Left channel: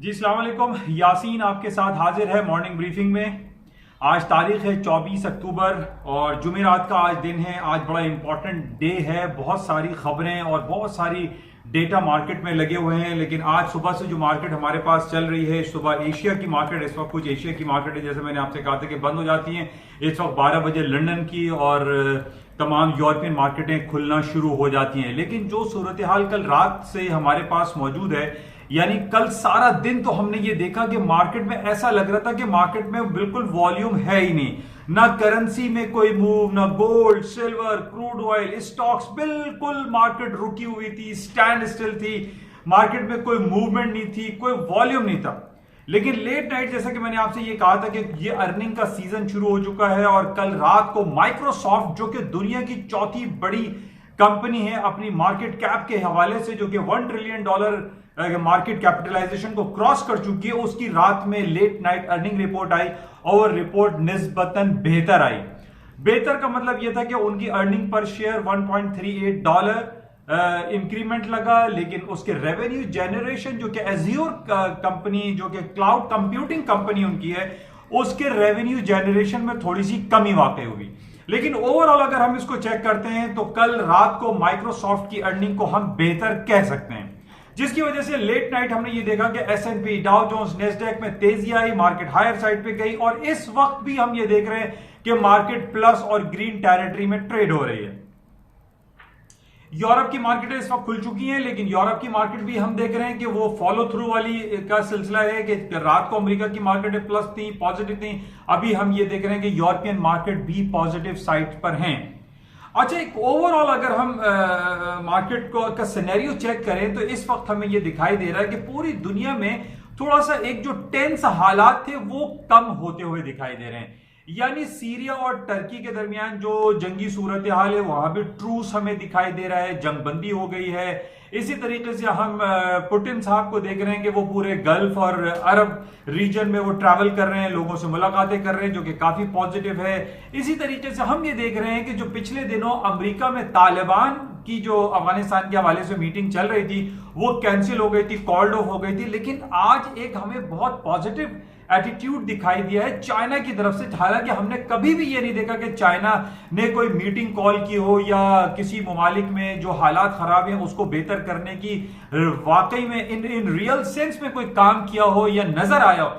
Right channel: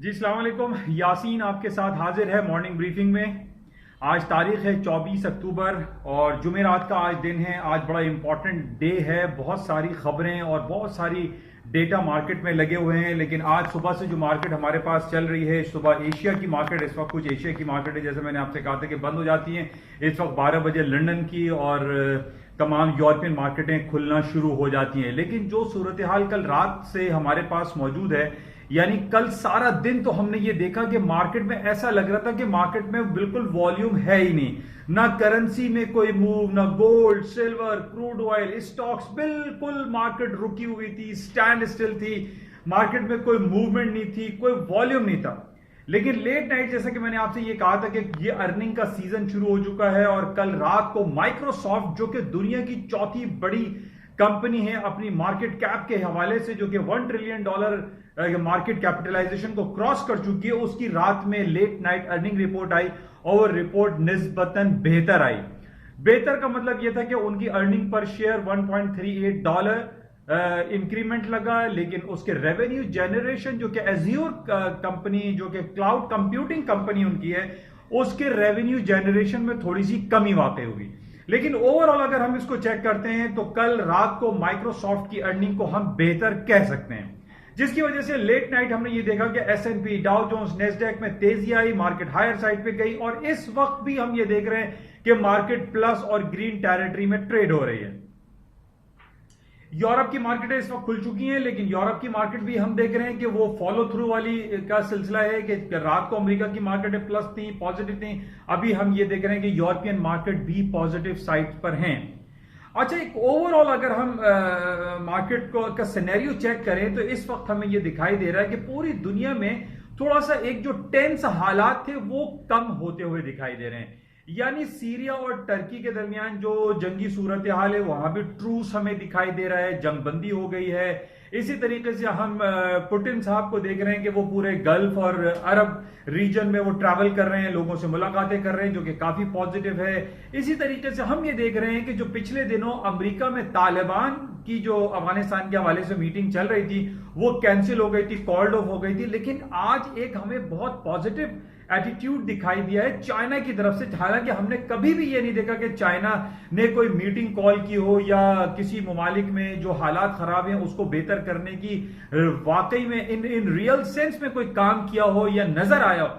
जी अस्सलाम वालेकुम। यासीन आपके साथ हाजिर है मॉर्निंग ब्रीफिंग में। आज तारीख है 24 अक्टूबर और जुमेरात का आज दिन है। आज बड़ा इंपॉर्टेंट डे है। बहुत सारी खबरें और बहुत सारी डेटा मार्केट में लगे हुए हैं, लेकिन आज सुबह से जो मार्केट हमारे पास चल रही है, सुबह एशिया की मार्केट, इस वक्त कुछ एशिया की मार्केट है जैसे मैंने आपसे कहा था कि बंद हो जाती हैं। इस वक्त 12 बजे लंदन की और तमाम यूरोपियन मार्केटें खुलना शुरू हो जाती हैं। लेकिन जो सूरत हाल कल रात से हमारे पास मौजूद है, यानी कल सारा दिन तो हमने ये देखा कि मार्केट में ऐसा लग रहा था कि मार्केट में बिल्कुल वॉल्यूम है ही नहीं, ना करेंसी में कोई मूव, ना gold, silver, crude oil, stocks, बिल्कुल मार्केट रुकी हुई थी, स्टैंड स्टिल थी। मार्केट में कोई मूवमेंट नहीं थी, कोई वॉल्यूम नहीं था। लेकिन लेट नाइट, जैसा कि मैंने आपसे ये कहा था कि ये अर्निंग का सीजन शुरू हो चुका है और कल रात को माइक्रोसॉफ्ट, जो कि दुनिया की चौथी बड़ी कंपनी है अपनी मार्केट कैप के हवाले से, जो कि $1 ट्रिलियन मार्केट कैपिटलाइजेशन को क्रॉस कर चुकी है, उसकी रात में लेट नाइट अर्निंग रिपोर्ट आई और रिपोर्ट निस्बतन बेहतर आई। बेहतर का मतलब यह था कि उनकी अर्निंग पर शेयर $1.38 इंक्रीमेंट लगा, लेकिन उसके रेवेन्यू जनरेशन, जो कि एज्योर कंपनी, जो कि क्लाउड कंप्यूटिंग कंपनी उनकी है, उसके रेवेन्यू जनरेशन में थोड़ी सी कमी वाकई हुई। लेकिन ओवरऑल अगर हम इसको चेक करते हैं तो कल रात को माइक्रोसॉफ्ट की अर्निंग को हम बेहतर कह सकते हैं, जिसकी वजह से लेट नाइट हमने ये देखा कि S&P, डाउ जोन्स, नेस्डैक में तेजी आई, मार्केट हायर साइड पे गई और इस वक्त भी हम ये देख रहे हैं कि मार्केट प्लस और ग्रीन टेरिटरी में ट्रेड हो रही है। यूरोप की मार्केटें इस वक्त खुल चुकी हैं, लेकिन यूरोप की मार्केट भी हम देख रहे हैं कि वो फॉलो थ्रू वाली का सिलसिला है कि रात को अमेरिका की मार्केटें प्लस थी, पॉजिटिव थी। अभी हम ये देख रहे हैं कि यूरोपियन मार्केट भी पॉजिटिव साइड पर हैं। अच्छा, एक ओवरऑल अगर हम मार्केट को का सिनेरियो चेक करें तो इस वक्त हमें यह दिखाई दे रहा है कि पूरी दुनिया में थोड़ा सा एक जो टेंस हालात थे वो कम होते हुए दिखाई दे रहे हैं। यानी सीरिया और टर्की के दरमियान जो जंगी सूरत हाल है, वहां भी ट्रूस हमें दिखाई दे रहा है, जंगबंदी हो गई है। इसी तरीके से हम पुतिन साहब को देख रहे हैं कि वो पूरे गल्फ और अरब रीजन में वो ट्रैवल कर रहे हैं, लोगों से मुलाकातें कर रहे हैं, जो कि काफी पॉजिटिव है। इसी तरीके से हम ये देख रहे हैं कि जो पिछले दिनों अमेरिका में तालिबान की जो अफगानिस्तान के हवाले से मीटिंग चल रही थी वो कैंसिल हो गई थी, कॉल्ड ऑफ हो गई थी। लेकिन आज एक हमें बहुत पॉजिटिव एटीट्यूड दिखाई दिया है चाइना की तरफ से। हालांकि हमने कभी भी ये नहीं देखा कि चाइना ने कोई मीटिंग कॉल की हो या किसी ममालिक में जो हालात खराब हैं उसको बेहतर करने की वाकई में इन रियल सेंस में कोई काम किया हो या नजर आया हो।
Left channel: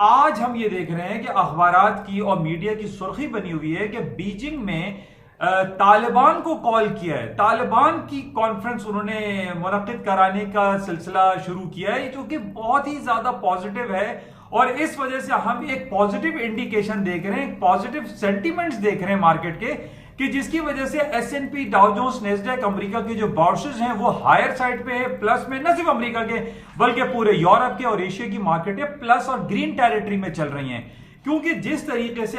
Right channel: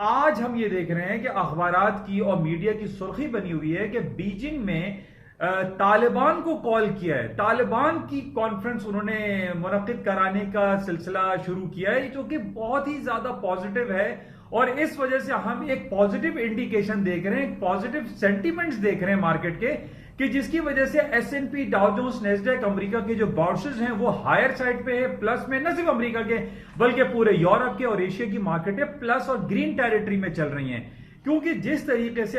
आज हम ये देख रहे हैं कि अखबारात की और मीडिया की सुर्खी बनी हुई है कि बीजिंग में तालिबान को कॉल किया है, तालिबान की कॉन्फ्रेंस उन्होंने मुनक्किद कराने का सिलसिला शुरू किया है, जो कि बहुत ही ज्यादा पॉजिटिव है। और इस वजह से हम एक पॉजिटिव इंडिकेशन देख रहे हैं, पॉजिटिव सेंटिमेंट्स देख रहे हैं मार्केट के, कि जिसकी वजह से S&P, Dow Jones, Nasdaq, America के जो बोर्सेस हैं वो हायर साइड पे है, प्लस में। न सिर्फ अमेरिका के बल्कि पूरे यूरोप के और एशिया की मार्केटें प्लस और ग्रीन टेरिटरी में चल रही हैं। क्योंकि जिस तरीके से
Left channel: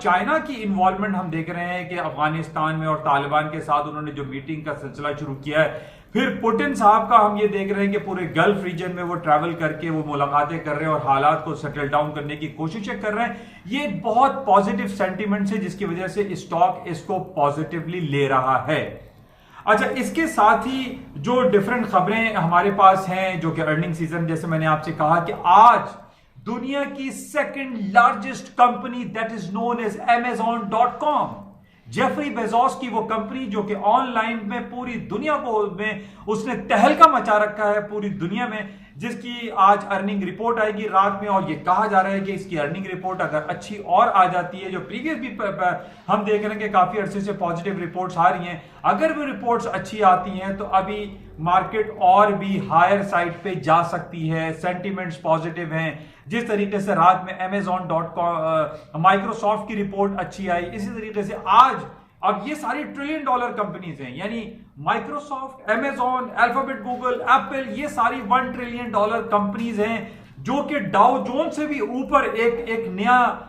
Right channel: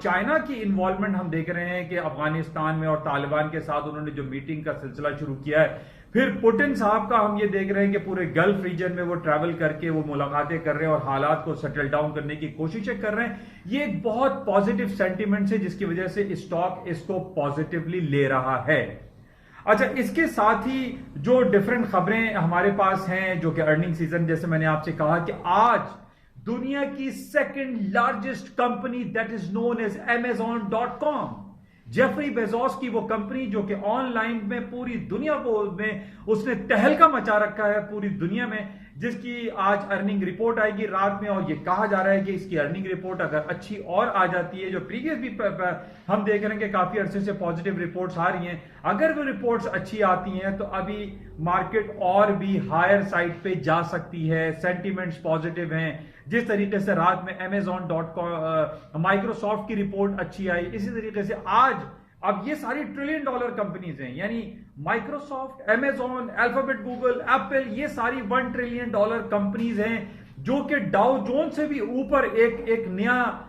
चाइना की इन्वॉल्वमेंट हम देख रहे हैं कि अफगानिस्तान में और तालिबान के साथ उन्होंने जो मीटिंग का सिलसिला शुरू किया है, फिर पुतिन साहब का हम ये देख रहे हैं कि पूरे गल्फ रीजन में वो ट्रैवल करके वो मुलाकातें कर रहे हैं और हालात को सेटल डाउन करने की कोशिशें कर रहे हैं। ये एक बहुत पॉजिटिव सेंटीमेंट है जिसकी वजह से स्टॉक इसको पॉजिटिवली ले रहा है। अच्छा, इसके साथ ही जो डिफरेंट खबरें हमारे पास हैं, जो कि अर्निंग सीजन, जैसे मैंने आपसे कहा कि आज दुनिया की second largest company that is known as Amazon.com, Jeffrey Bezos की वो कंपनी जो कि ऑनलाइन में पूरी दुनिया को में उसने तहलका मचा रखा है पूरी दुनिया में, जिसकी आज अर्निंग रिपोर्ट आएगी रात में। और ये कहा जा रहा है कि इसकी अर्निंग रिपोर्ट अगर अच्छी और आ जाती है, जो प्रीवियस भी हम देख रहे हैं कि काफी अरसे से पॉजिटिव रिपोर्ट्स आ रही हैं, अगर वो रिपोर्ट्स अच्छी आती हैं तो अभी मार्केट और भी हायर साइड पे जा सकती है। सेंटिमेंट्स पॉजिटिव हैं। जिस तरीके से रात में Amazon.com, माइक्रोसॉफ्ट की रिपोर्ट अच्छी आई, इसी तरीके से आज अब ये सारी $1 ट्रिलियन कंपनीज हैं, यानी Microsoft, Amazon, alphabet, Google, Apple, ये सारी $1 ट्रिलियन कंपनीज हैं, जो कि डाउ जोन से भी ऊपर एक नया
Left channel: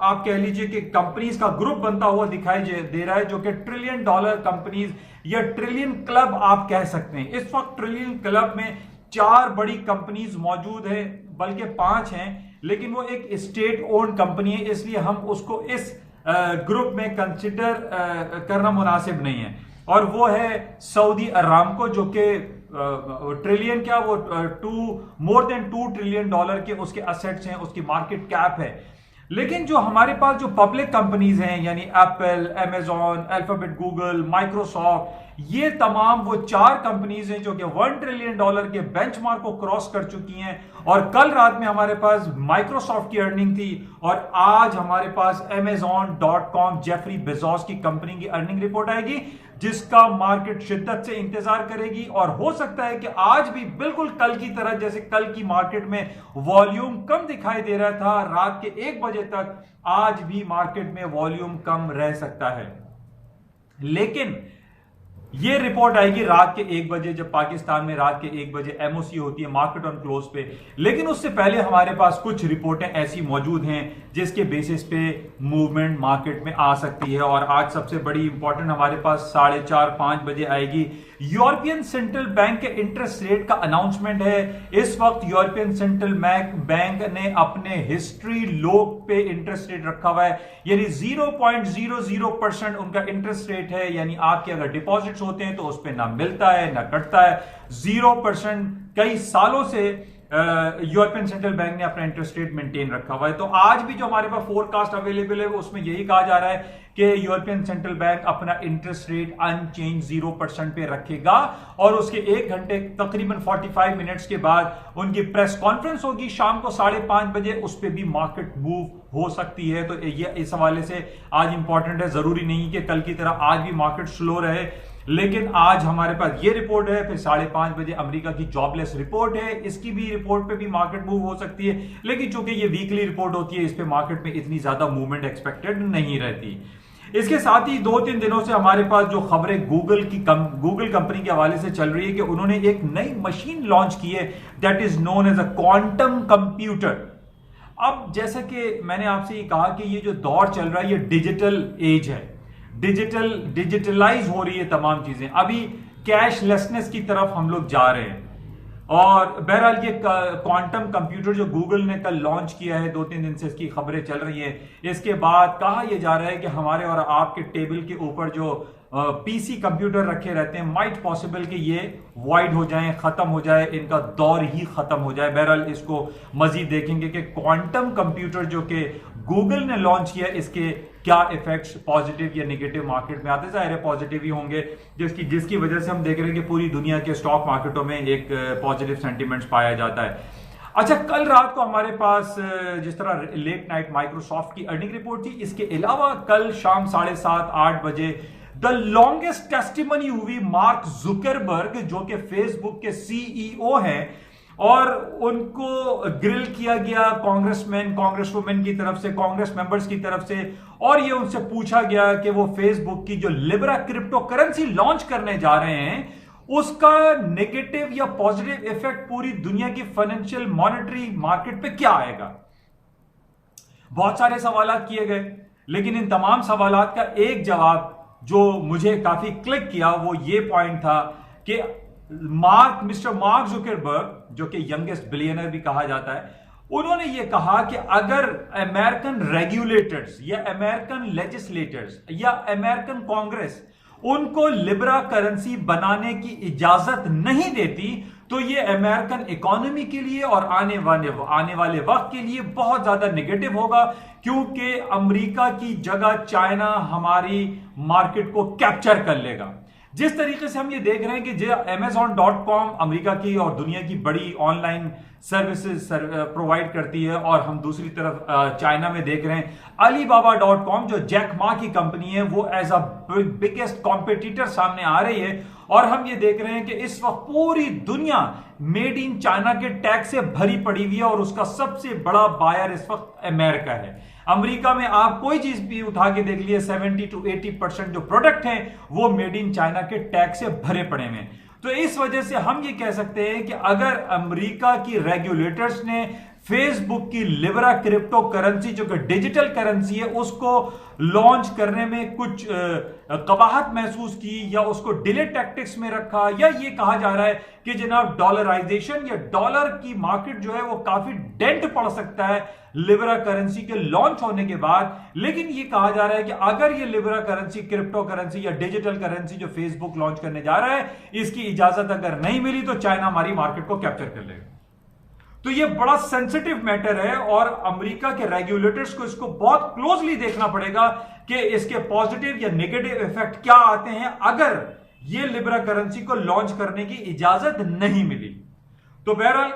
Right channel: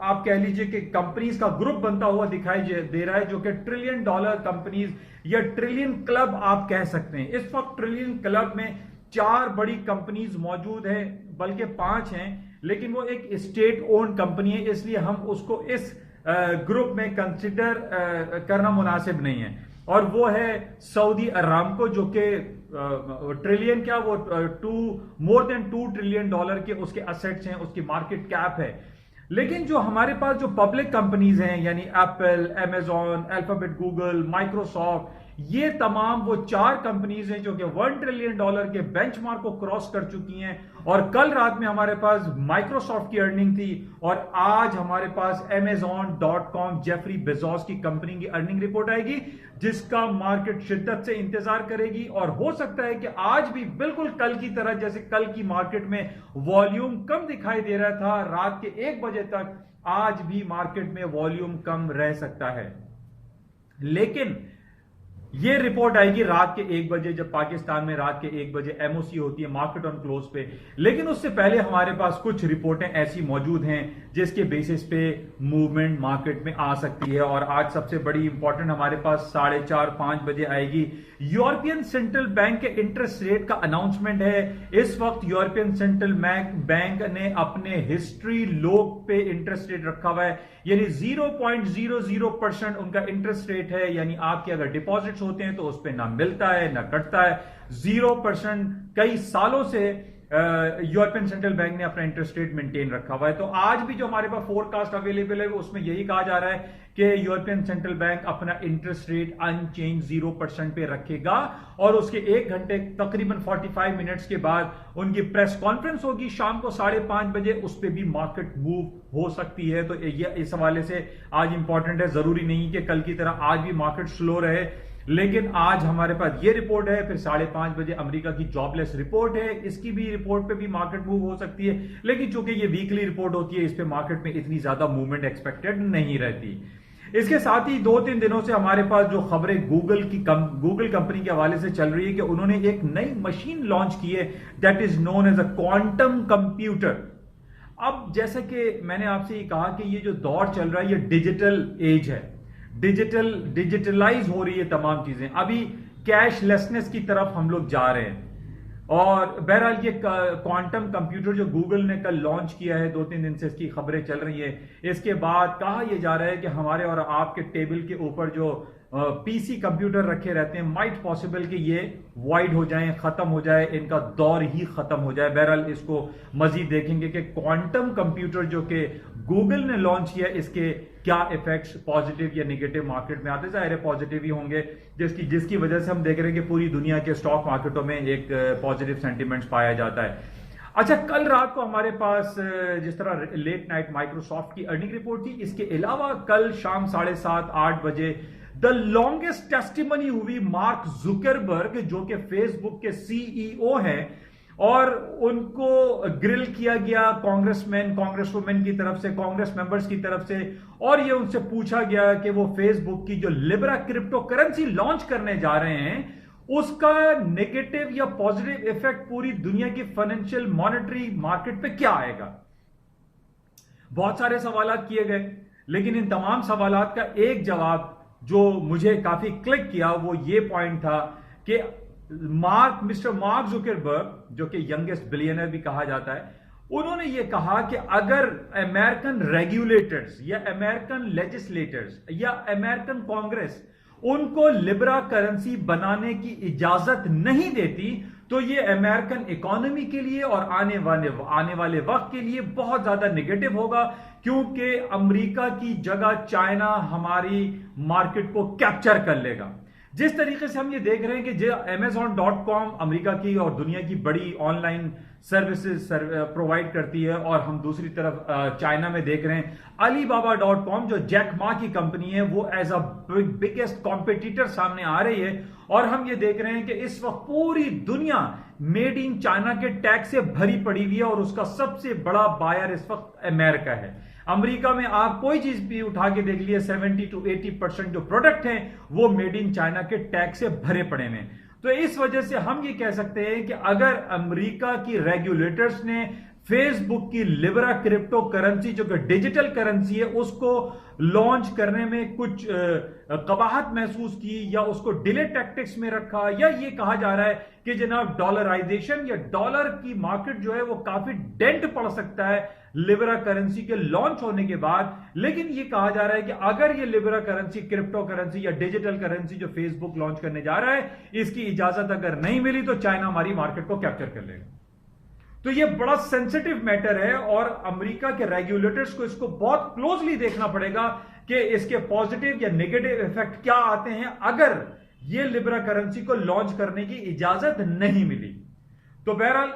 आप कह लीजिए कि कंपनीज का ग्रुप बनता हुआ दिखाई दे रहा है, जो कि $1 ट्रिलियन कंपनीज या ट्रिलियन क्लब आप कह सकते हैं। इस वक्त ट्रिलियन क्लब में 4 बड़ी कंपनीज मौजूद है, बल्कि 5 हैं, लेकिन वो एक स्टेट ओन्ड कंपनी है, इसलिए हम उसको इस ग्रुप में कंसिडर करना मुनासिब नहीं है। और वो है सऊदी अरामको, जो कि ट्रिलियन क्या वो मोर देन $2 ट्रिलियन के उसके असेट्स हैं, उसकी मार्केट कैप है। लेकिन जो हमारे पास जो पब्लिक कंपनीज हैं यानी Apple, Amazon, alphabet, Google, Microsoft, ये तमाम वो 4 कंपनीज हैं जो कि $1 ट्रिलियन के बेंचमार्क को क्रॉस कर चुकी हैं। और कल रात में हमारे पास माइक्रोसॉफ्ट की अर्निंग थी और आज हमारे पास Amazon.com जेफरी बेजोस की कंपनी की अर्निंग रिपोर्ट आएगी, जिसका मार्केट शिद्दत से इंतजार करेगी। और हो सकता है कि आज भी बिल्कुल कल की तरह, जैसे कल की मार्केट में वॉल्यूम कम दिखाई दे रहा था रात के 1 बजे तक, आज भी मार्केट में वॉल्यूम कम रह सकता है। लेकिन ये रिपोर्ट आएगी रात के 1 बजे, जब पाकिस्तान में रात के 1 बजे एमओसी होती है, मार्केट ऑन क्लोज पे। लेकिन उससे पहले हमारे पास कुछ रिपोर्टें ऐसी मौजूद हैं जिसके बेसिस पे मूवमेंट मार्केट में आ सकती है। और आज सबसे बड़ी इंपॉर्टेंट हमारे पास 4:30-5 बजे आएगी। यूरोपियन सेंट्रल बैंक के इंटरेस्ट रेट का अनाउंसमेंट है। इस वक्त यूरोपियन सेंट्रल बैंक ने अपने हिस्ट्री लो पे इंटरेस्ट रेट रखा हुआ है, यानी 0.00% उनका इंटरेस्ट रेट है। यानी आपके अगर डिपॉजिट्स होते हैं तो उस पर ना मिलता है ना कटता है, 0%। कई सालों से यूरोपियन सेंट्रल बैंक ने अपना इंटरेस्ट रेट मेंटेन रखा हुआ है। तो आज भी जो हमारे पास फोरकास्ट अवेलेबल है उसमें यही कहा जा रहा है कि यूरोपियन सेंट्रल बैंक अपना इंटरेस्ट रेट अनचेंज 0% पे रखेगा। और उसके 1 घंटे तकरीबन 45 मिनट्स के बाद उनकी प्रेस कॉन्फ्रेंस होगी शाम को 5:30 बजे, उस पर भी मार्केट मूव हो सकती है। तो ये इस हवाले से आज इंपॉर्टेंट है। जरूरी नहीं कि कल की तरह आज भी मार्केट स्लो रहे, लेकिन आज हमारे पास ये रिपोर्ट है। फिर 5:30 बजे अमेरिका की जॉबलेस रिपोर्ट है, इसकी भी रिपोर्ट पे भी मार्केट मूव हो सकती है। लेकिन चूंकि ये वीकली रिपोर्ट होती है, इस पे मार्केट में इतनी ज्यादा मूवमेंट एक्सपेक्टेड नहीं रहती। इसके साथ ही 2-3 दिनों से हमारे पास जो खबरें गूगल कंपनी के हवाले से चल रही है कि उन्होंने एक नई मशीन लॉन्च की है, that is known as a quantum computer. अब जैसा कि मैंने आपसे ये कहा कि ये जो दौर चल रहा है ये डिजिटल एज है, डिजिटलाइज हो रही है तमाम चीजें। अभी कैशलेसनेस की तरफ हम लोग जा रहे हैं। और बहरहाल ये क्वांटम कंप्यूटर जो गूगल ने कल लॉन्च किया है, 2-3 दिन से इसकी खबरें चल रही हैं। इसके बाद कहा यह जा रहा है कि हमारे और आपके टेबल के ऊपर जो पीसी कंप्यूटर रखे रहते हैं, माइट पॉसिबल कि ये वाइड हो जाएं, खत्म हो जाए, इनका दौर ही खत्म हो जाए। बहरहाल इसको मजीद देखेंगे कि क्वांटम कंप्यूटर जो कि गूगल ने लॉन्च किया, इसके क्या इफेक्ट्स पॉजिटिव या नेगेटिव मार्केट में आते। जाहिर है पॉजिटिव ही होंगे, जिसकी वजह से हम देख रहे हैं कि पूरी दुनिया के स्टॉक मार्केटों में एक पॉजिटिव सेंटीमेंट्स पाया जाता है। अच्छा, कल रात को हमारे पास जिस तरह लेट नाइट माइक्रोसॉफ्ट की अर्निंग रिपोर्ट थी, इसके अलावा कल शाम 7:30-8 बजे द लॉन्गेस्ट टेस्टिमनी हुई मार्क जुकरबर्ग, जो कि फेसबुक के सीईओ हैं, और उनको ग्रिल किया गया कांग्रेसमैन कांग्रेसवुमेन की तरफ से, कांग्रेस मेंबर्स की तरफ से। और ये उनसे पूछा गया कि वो फेसबुक की जो लिब्रा क्रिप्टो करेंसी लॉन्च करने जा रहे हैं, उसका नेगेटिव या पॉजिटिव इफेक्ट पूरी दुनिया की फाइनेंशियल मॉनेटरी मार्केट पे क्या आएगा। बहुत सारे सवाल किए गए, लेकिन इन तमाम सवाल का एक जवाब जो मुझे काफी क्लिक किया वो ये पॉइंट था कि मिस्टर मार्क जुकरबर्ग, जो कि यंगेस्ट बिलियनर भी कहा जाता है, उन्होंने ये कहा कि अगर अमेरिकन रेगुलेटर्स या अमेरिकन लेजिस्लेटर्स या अमेरिकन कांग्रेस उनको लिब्रा करेंसी बनाने की इजाजत नहीं देती, तो ये अमेरिकन इकोनॉमी के लिए और आने वाले वक्त के लिए बहुत ज्यादा नेगेटिव होगा, क्योंकि अमेरिका की जगह चाइना हमारी मार्केट को कैप्चर कर लेगा। जिस तरीके से हम ये देख रहे हैं कि जो Amazon.com अमेरिका की और दुनिया की बड़ी ऑनलाइन सर्विसेज प्रोवाइड करती है, और हम दूसरी तरफ चाइना में देख रहे हैं Alibaba.com जो जैक मा की कंपनी है, वो एज अ बिगेस्ट कॉम्पिटिटर सामने आ रही है। और हम ये देख रहे हैं कि इस वक्त पूरी दुनिया मेड इन चाइना के टैग से भरी पड़ी हुई है, और उसका सबसे बड़ा बायर इस वक्त अमेरिका है। अमेरिका में आप कोई चीज भी उठा के देख लिए, 70 to 80% जो प्रोडक्ट हैं वो मेड इन चाइना के टैग से भरे पड़े हैं। तो इस वजह से हम ये कह सकते हैं कि अगर अमेरिका की रेगुलेटर्स ने फेसबुक की लिब्रा क्रिप्टो करेंसी जो कि डिजिटल करेंसी है उसको लॉन्च करने में कुछ कबाहत महसूस की या उसको डिले टैक्टिक्स में रखा, या ये कहा जा रहा है कि जनाब डॉलराइजेशन या डॉलर की मार्केट जो है वो काफी डेंट पड़ सकता है लिब्रा करेंसी के लॉन्च होने के बाद। लेकिन ये कहा जा रहा है कि अगर ये लिब्रा करेंसी, क्रिप्टो करेंसी या डिजिटल करेंसी जो फेसबुक लॉन्च करने जा रहा है, इसकी इजाजत अगर नहीं मिली तो चाइना हमारी मार्केट को कैप्चर कर लेगा। तो ये बड़ा सेंसिटिव मैटर है और अमेरिका के रेगुलेटर्स को इसको बहुत क्लोजली देखना पड़ेगा कि इसके पॉजिटिव या नेगेटिव इफेक्ट क्या आते हैं अगर ये लिब्रा करेंसी को लॉन्च करने की इजाजत नहीं मिली। तो बहरहाल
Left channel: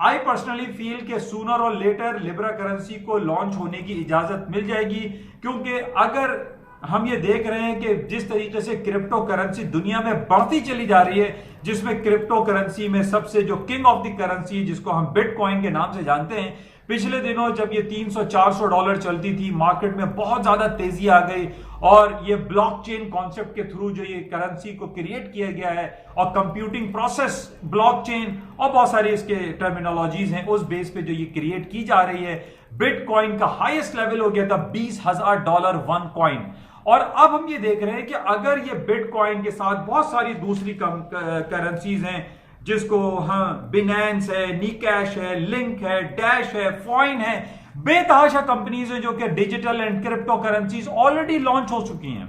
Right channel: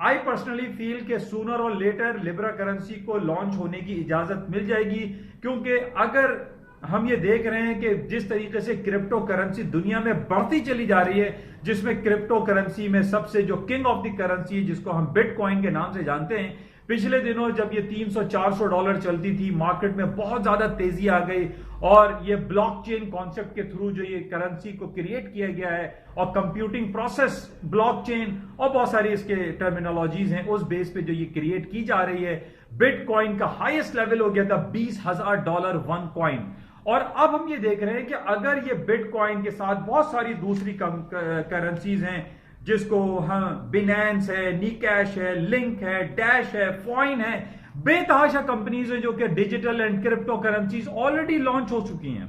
आई पर्सनली फील कि सूनर और लेटर लिब्रा करेंसी को लॉन्च होने की इजाजत मिल जाएगी, क्योंकि अगर हम ये देख रहे हैं कि जिस तरीके से क्रिप्टो करेंसी दुनिया में बढ़ती चली जा रही है, जिसमें क्रिप्टो करेंसी में सबसे जो किंग ऑफ द करेंसी है जिसको हम बिटकॉइन के नाम से जानते हैं, पिछले दिनों जब ये $300-400 चलती थी, मार्केट में बहुत ज्यादा तेजी आ गई और ये ब्लॉकचेन कॉन्सेप्ट के थ्रू जो ये करेंसी को क्रिएट किया गया है और कंप्यूटिंग प्रोसेस ब्लॉकचेन और बहुत सारे इसके टर्मिनोलॉजीज हैं, उस बेस पे जो ये क्रिएट की जा रही है, बिटकॉइन का हाईएस्ट लेवल हो गया था $20,000 वन कॉइन। और अब हम ये देख रहे हैं कि अगर ये बिटकॉइन के साथ बहुत सारी दूसरी करेंसीज हैं जिसको हम बिनेंस है, निकैश है, लिंक है, डैश है, फॉइन है, बेतहाशा कंपनीज है जो कि digital and crypto currencies already launch हो चुकी हैं,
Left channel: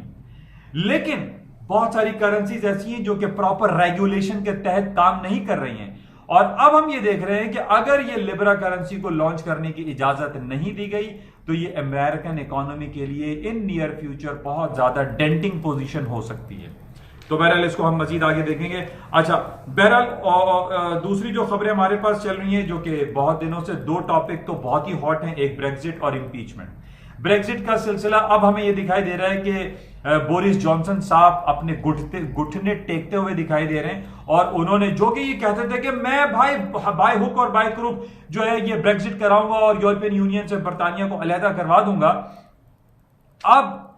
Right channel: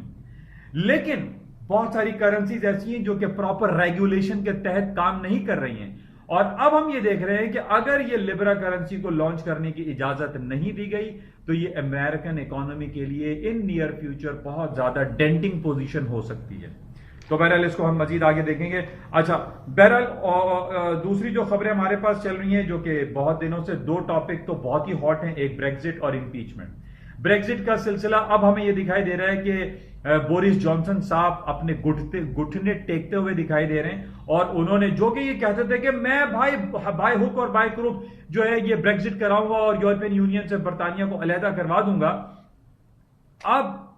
लेकिन बहुत सारी करेंसीज ऐसी हैं जो कि प्रॉपर रेगुलेशन के तहत काम नहीं कर रही हैं। और अब हम ये देख रहे हैं कि अगर ये लिब्रा करेंसी को लॉन्च करने की इजाजत नहीं दी गई तो ये अमेरिकन इकोनॉमी के लिए इन नियर फ्यूचर बहुत ज्यादा डेंटिंग पोजीशन हो सकती है। तो बहरहाल इसको हम मजीद आगे देखेंगे। अच्छा, बहरहाल दूसरी जो खबरें हमारे पास चल रही हैं जो कि बहुत दिनों से, दो टॉपिक तो बहुत ही हॉट हैं, एक ब्रेक्जिट और इंपीचमेंट। ब्रेक्जिट का सिलसिला अब हमें यह दिखाई दे रहा है कि बोरिस जॉनसन साहब अपने घुटने टेकते हुए दिखाई दे रहे हैं और उन्होंने जो कि ये कहते थे कि मैं बाय हुक और बाय क्रुक जो है ये ब्रेक्जिट कराऊंगा और यूरोपियन यूनियन से बरतानिया को अलहदा करवा दूंगा। अब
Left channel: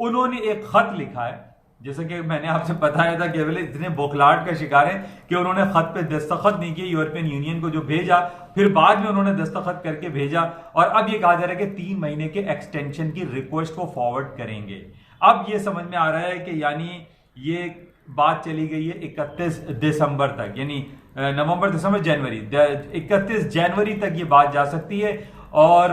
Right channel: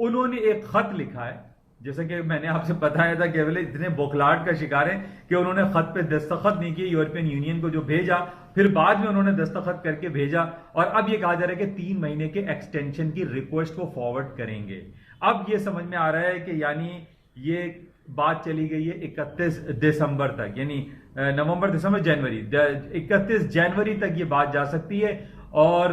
उन्होंने एक खत लिखा है, जैसे कि मैंने आपसे बताया था कि वे इतने बौखलाहट का शिकार है कि उन्होंने खत पे दस्तखत नहीं किए, यूरोपियन यूनियन को जो भेजा, फिर बाद में उन्होंने दस्तखत करके भेजा और अब ये कहा जा रहा है कि 3 महीने के एक्सटेंशन की रिक्वेस्ट को फॉरवर्ड करेंगे। अब ये समझ में आ रहा है कि यानी ये बात चली गई है 31 दिसंबर तक, यानी नवंबर, दिसंबर, जनवरी, 31 जनवरी तक ये बात जा सकती है। और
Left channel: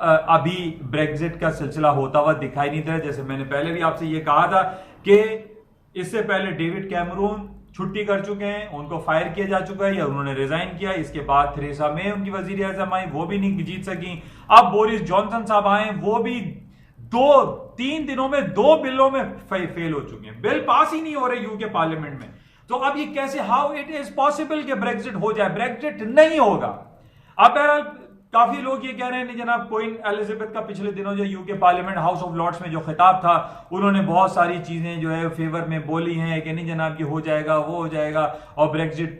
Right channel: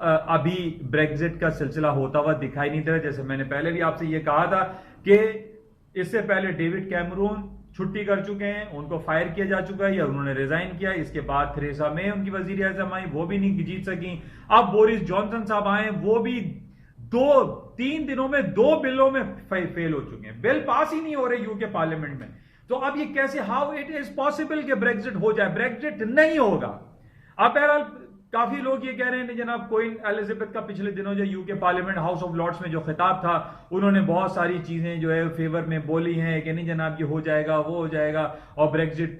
अभी ब्रेक्जिट का सिलसिला होता हुआ दिखाई नहीं दे रहा। जैसे मैंने पहले भी आपसे ये कहा था कि इससे पहले डेविड कैमरून छुट्टी कर चुके हैं, उनको फायर किया जा चुका है या उन्होंने रिजाइन किया। इसके बाद थेरेसा मे उनकी वजीर आजम आई, वो भी नहीं जीत सकी। अब बोरिस जॉनसन साहब आए, वो भी 2-3 दिनों में 2 बिलों में फेल हो चुके हैं, बिल पास ही नहीं हो रहे यूके पार्लियामेंट में। तो अब ये कैसे, हाउ इट इज पॉसिबल कि ब्रेक्जिट हो जाए? ब्रेक्जिट नहीं होगा। अब बहरहाल काफी लोग ये कह रहे हैं जनाब क्वीन एलिजाबेथ का पिछले दिनों जो UK parliament House of Lords में जो खिताब था, उन्होंने बहुत सारी चीजें जो है फेवर में बोली हैं कि नहीं जनाब ये हो जाएगा, वो हो जाएगा, और ब्रेक्जिट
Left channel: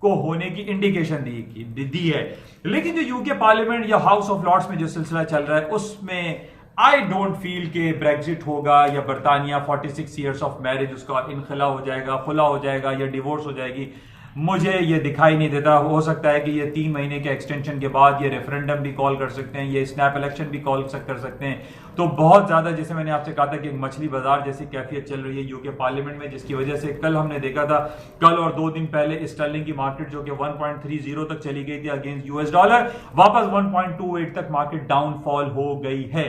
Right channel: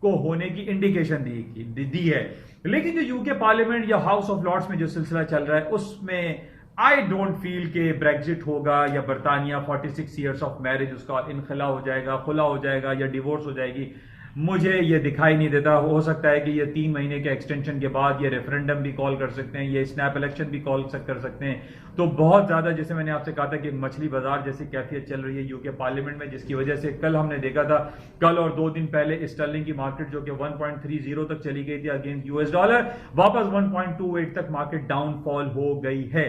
को होने की इंडिकेशन दी है। लेकिन जो यूके पार्लियामेंट या हाउस ऑफ लॉर्ड्स में जो सिलसिला चल रहा है उसमें आई डोंट फील कि ब्रेक्जिट होगा या बरतानिया 46 ईयर्स ऑफ मैरिज उसका इनखला हो जाएगा, खुला हो जाएगा या डिवोर्स हो जाएगी। मुझे ये दिखाई नहीं देता। हो सकता है कि ये 3 महीने के एक्सटेंशन के बाद ये रेफरेंडम भी कॉल कर सकते हैं, ये स्नैप इलेक्शन भी कॉल कर सकते हैं। तो बहुत ज्यादा, जैसे मैंने आपसे कहा था कि एक मछली बाजार जैसी कैफियत चल रही है यूके पार्लियामेंट में, जिसकी वजह से कल हमने देखा था, कल और 2 दिन पहले स्टर्लिंग की मार्केट जो कि 1.30 तक चली गई थी अगेंस्ट यूएस डॉलर, वापस 1.28 तक मार्केट डाउनफॉल हो गई है।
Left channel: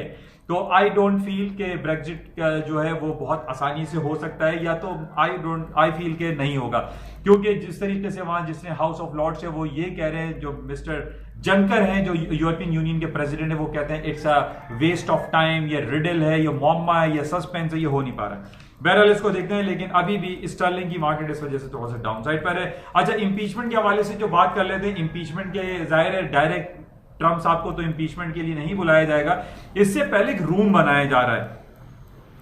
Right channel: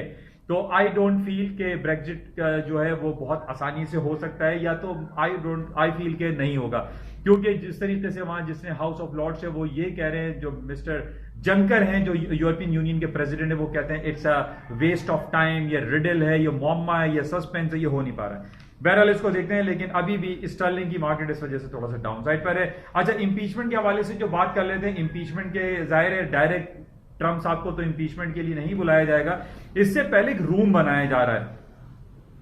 तो आई डोंट फील कि ब्रेक्जिट जो है वो बहुत आसानी से हो सकता है, या तो आई फील के नहीं होगा, क्योंकि जिस तरीके से वहां जिसने हाउस ऑफ लॉर्ड्स है वो ये कह रहे हैं, जो मिस्टर जंकर हैं जो यूरोपियन यूनियन के प्रेसिडेंट है, वो कहते हैं it's a waste of time, ये रिडल है, ये मॉम्मा है, ये सस्पेंस है, ये हो नहीं पा रहा है। बहरहाल इसको देखते हैं, लेकिन अभी भी स्टर्लिंग की मार्केट इस वजह से थोड़ा सा डाउन साइड पर है। अच्छा, इंपीचमेंट के हवाले से जो बात कर लेते हैं, इंपीचमेंट के जाहिर है डायरेक्ट ट्रंप साहब को तो इंपीचमेंट के लिए नहीं बुलाया जाएगा, इससे पहले एक रूम बनाया जा रहा है,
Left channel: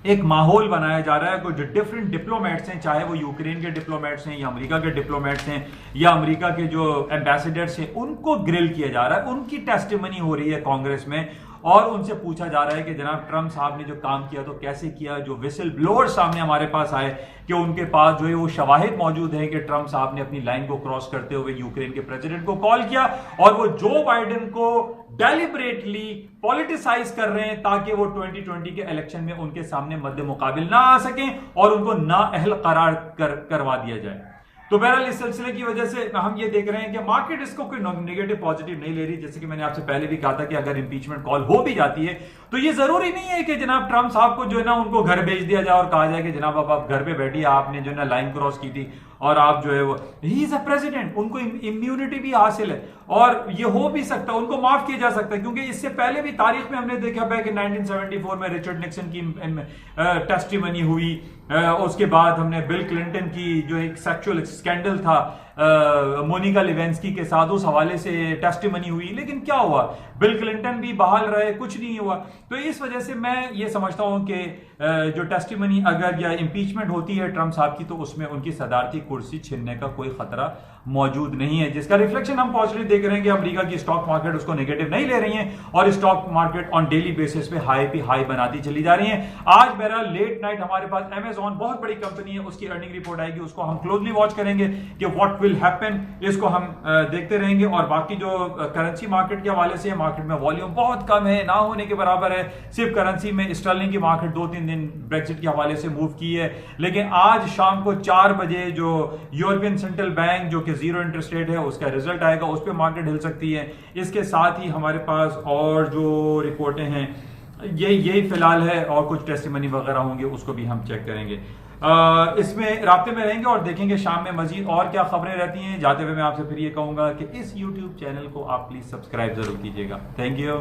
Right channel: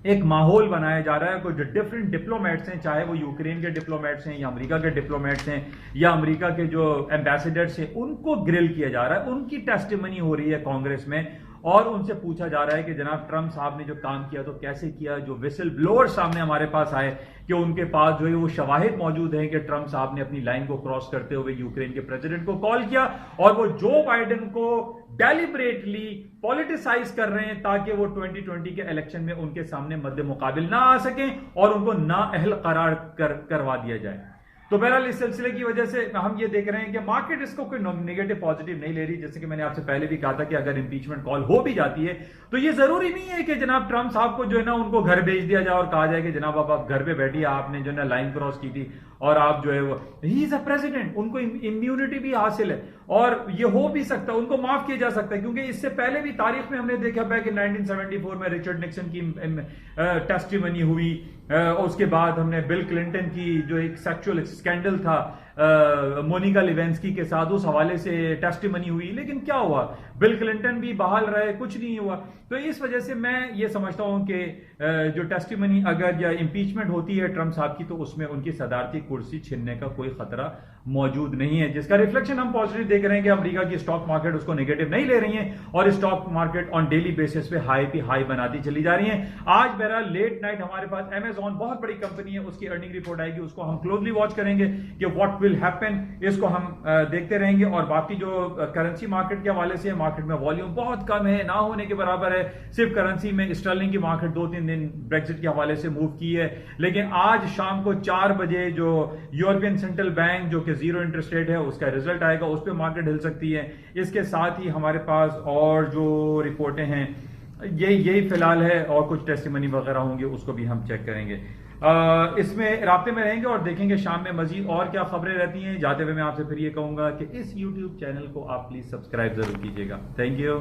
एक माहौल बनाया जा रहा है। कुछ डिफरेंट डिप्लोमेट्स हैं, चाहे वो यूक्रेन के डिप्लोमेट्स हैं या अमेरिका के डिप्लोमेट्स हैं या अमेरिका के जो एम्बेसडर्स हैं, उनको ग्रिल किया जा रहा है, उनकी टेस्टिमनी हो रही है कांग्रेस में। और उनसे पूछा जा रहा है कि जनाब ट्रंप साहब ने जो काम किया तो कैसे किया। जो विसल ब्लोअर सामने हमारे पास आए कि उनके पास जो है वो शवाहिद मौजूद हैं कि ट्रंप साहब ने अपनी लाइन को क्रॉस करते हुए यूक्रेन के प्रेसिडेंट को कॉल किया और वो जो बाइडेन को डेलिबरेटली पॉलिटिसाइज कर रहे हैं ताकि वो 2020 के इलेक्शन में उनके सामने मद्दे मुकाबिल ना आ सकें और उनको नाअहल करार करवा दिया जाए। तो बहरहाल इस सिलसिले की वजह से हम ये देख रहे हैं कि मार्केट इसको कोई नेगेटिव पॉजिटिव नहीं ले रही। जैसे कि मैंने आपसे पहले भी कहा था कि अगर इंपीचमेंट कॉल हो भी जाती है तो ये जरूरी नहीं है कि जनाब ट्रंप साहब को जो है ना उनको घर भेज दिया जाए और कहा जाए कि जनाब अब आप घर पे बैठिए, आपने जो है ना लाइन क्रॉस की थी और आप जो है वो ही इज अ प्रेसिडेंट, उनको इम्यूनिटी भी हासिल है और ये हो भी सकता है, उनको माफ किया जा सकता है। क्योंकि इससे पहले भी तारीख में हमने देखा है कि 1974 में रिचर्ड निक्सन की टेस्टिमनी हुई, उसके बाद हमने बिल क्लिंटन की जो एक सेक्सुअल स्कैंडल था मोनिका लेविंस्की के साथ, उस हवाले से टेस्टिमनी हुई, लेकिन क्या हुआ, बिल क्लिंटन भी बहाल रहे, कुछ नहीं हुआ। तो इस वजह से मैं ये समझता हूं कि जो टेस्टिमनी अगर या इंपीचमेंट होती है ट्रंप साहब की तो उसमें उनकी सदारती कुर्सी छीनने का कोई खतरा मौजूद नहीं है, जिसका रिफ्लेक्शन हम पॉजिटिव देख रहे हैं कि अमेरिका की स्टॉक मार्केट उसको नेगेटिव नहीं ले रही है और stock market on daily basis पे हाई पे हाई बनाती चली जा रही है। आज बहरहाल लेट नाइट हमारे पास अमेजॉन बहुत बड़ी कंपनी है, उसकी अर्निंग रिपोर्ट आएगी, उसको हम क्लोजली वॉच करेंगे कि व्हाट विल हैपन, इसको हम देखते रहेंगे। और बाकी जो करेंसी मार्केट के हवाले से मार्केट में वॉल्यूम बहुत कम है, ना होने के बराबर है। सिर्फ करेंसी में स्टर्लिंग की मार्केट 2-3 दिन ब्रेक्सिट के हवाले से मूव की है, लेकिन आज शाम को 4 बजे जो यूरोपियन सेंट्रल बैंक जो कि जीरो इंटरेस्ट रेट है उसका रिजल्ट आएगा, उस पर मार्केट हिल सकती है। इसके साथ ही हमारे पास और जो रिपोर्टें हैं यही फिलहाल है, और कुछ टेस्टिमनी वगैरह होंगे उसको भी हम चेक करेंगे। इसमें राब्ते में रहेंगे और देखेंगे शाम में मजीद और क्या खबरें रहती हैं। जाते हुए मैं आपसे फिर ये कहूंगा कि इस YouTube चैनल को आप प्लीज सब्सक्राइब जरूर कीजिएगा। Thank you.